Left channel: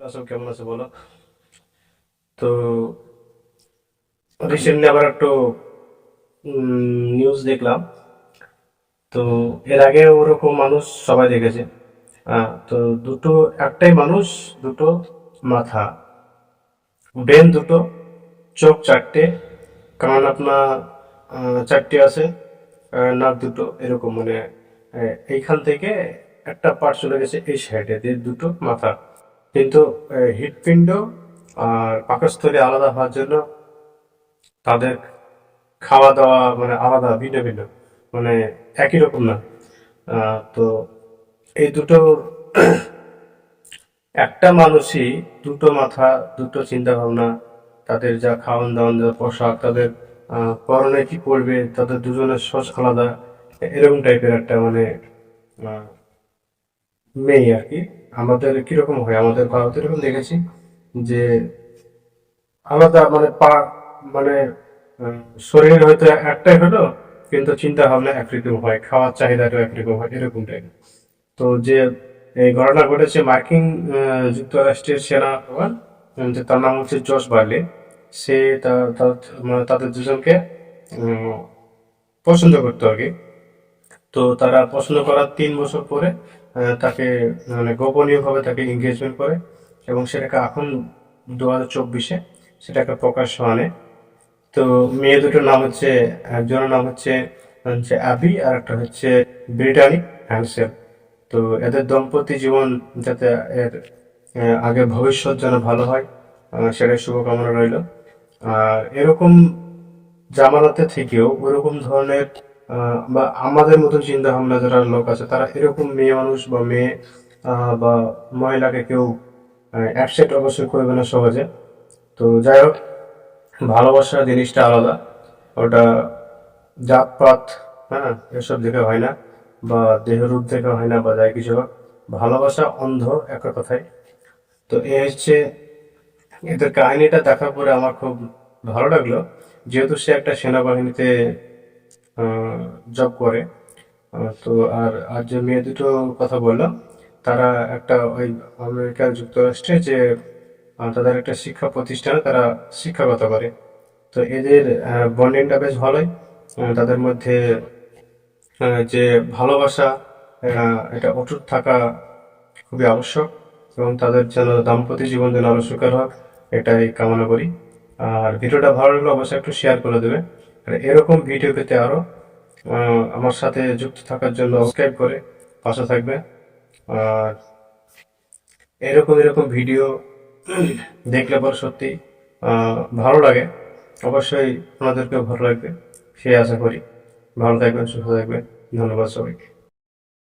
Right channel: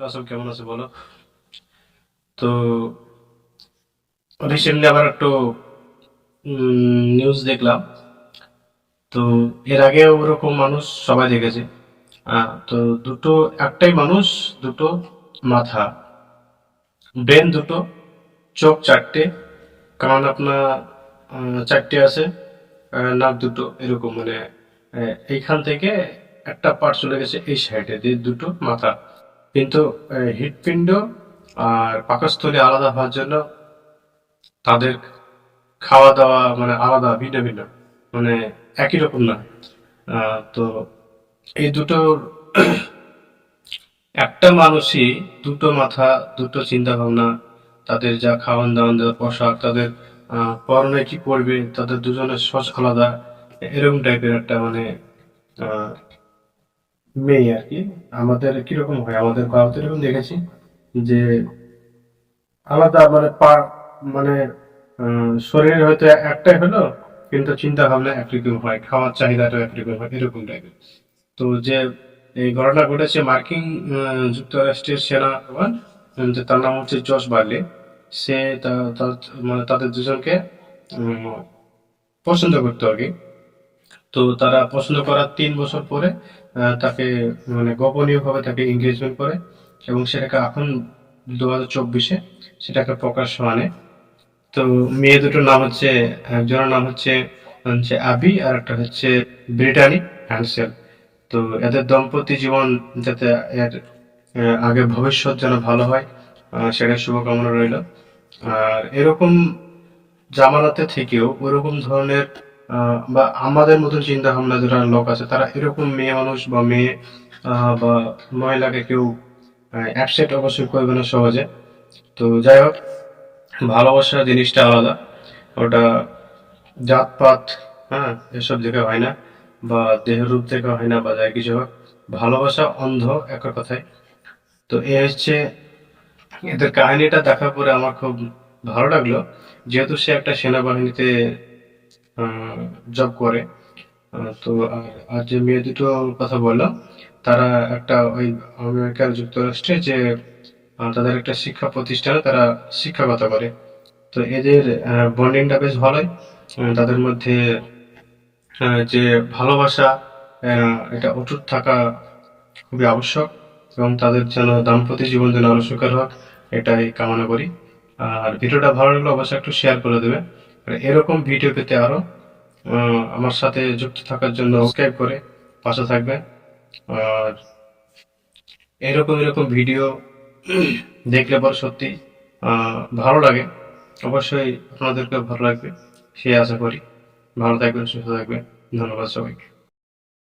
সব কেমন আছে বলো? তো রিসেন্টলি আবার একটু নিউজ দেখলাম। তো এর আগে ওরকম মানুষ সবাই দেখেছে। তো দুটো, একটাই মানুষ, দুটো মাথা। ব্রেন দুটো, চোখ চারটে, কান আপনার চারটে আছে নাক দুটো এরকম। মানে এইখান থেকে একটা পার্ট চলে গেছে এই সাইডে দিয়ে দুটো মাথা। কিন্তু হৃৎপিণ্ড আর পাকস্থলী আলাদা হওয়ার জন্য তাদের খাওয়া দাওয়া মানে আলাদা, ভিন্ন ভিন্ন। মানে একই রকম না। তো এই দুটো একটা মানুষই দুটো মাথা, দুটো চিন্তা ভাবনা তাদের যা খাওয়ান দাওয়ান পোশাক, তাদের পরনে কি পরবে, তাদের দুজনের সস আলাদা এরকম টাইপের একটা মানে মেয়ে আর কি আমাদের কীরকম হয়? আমাদের ভারতে এরকম দেখেছি যে আলাদা মানে পা মানে শরীরের হয়তো একটাই হলো, কিন্তু চিন্তা ভাবনা একরকম হয়, খাওয়ার চাহিদাটাও একরকম হয়, এরকম টাইপের তো যে এই ঘটনা ঘটেছে মার্কিন যুক্তরাষ্ট্রের সেনা যে তার নাম হচ্ছে জশ বার্লে, সে মানে তাদের দুজনকে পছন্দ করতো আগে তো তারা পছন্দ করার তিন বছর পরে তাকে মানে গোপনীয়ভাবে তাকে এঙ্গেজমেন্ট করে এবং সেটাকে এখন দু হাজার চব্বিশে সেটাকে প্রকাশ্য আনে তো মেয়ে দুটোর নাম হচ্ছে, একজনের নাম হচ্ছে হচ্ছে আবি আর একটা হচ্ছে ব্রিটানি হ্যান্ডসেল। তো এদের দম্পতি জীবন যাতে এর আগে ভবিষ্যৎ যেন ভালো হয় সেটাই শুভকামনা রইল। আর এরকম জামানাতে থেকেও ওরকম ধরনের বা আমাদের মতন চিন্তা ভাবনা যারা লোক আছে, তারা এরকম মেয়ে মানুষ বা মেয়ে বা মহিলাকে কেউ অ্যাকসেপ্ট অবশ্যই করবে না সহজে। তো যাই হোক, ভালোবাসা জিনিসটা আলাদা। ওটা জাতপাত হ্যাঁ এসব দেখে হয় না, বা দেহের রূপ দেখে হয় না, বা যাই কিছু হোক। ভালোবাসা অন্ধ এক কথায় তো এ হচ্ছে, এদের কাহিনীটা দেখার পরে আমার খুব ভালো লাগল। যেহেতু সে একটা সেনাবাহিনীতে জব করে। তো আর আর যে মেয়ে দুটোর কথা বললাম, তারা একটা ওই আমেরিকার যুক্তরাষ্ট্রে যে তাদের একটা শিক্ষা প্রতিষ্ঠানে তারা শিক্ষকতা করে। তো এদের বন্ডিংটা বেশ ভালোই। তাদের মধ্যে যে ভালোবাসা এটা অটুট থাকা খুবই আবশ্যক এবং তাদের যেন দাম্পত্য জীবন যেন আরও সুখের হোক, এটাই কামনা করি। আর ভিডিওটা ভালো লাগলে অবশ্যই একটু শেয়ার করে দেবে। এরকম ভিডিও পেতে আরও আমার সাথে যুক্ত থাকার জন্য সাবস্ক্রাইব করে পাশে থাকবে আর এরকম এরকম ভিডিও দেখলে পরে সত্যি ভালো লাগে। অবশ্যই আপনাদেরকেও ভালো লাগবে সে আশা করি। ভালো থাকবেন, সুস্থ থাকবেন। ধন্যবাদ সবাইকে।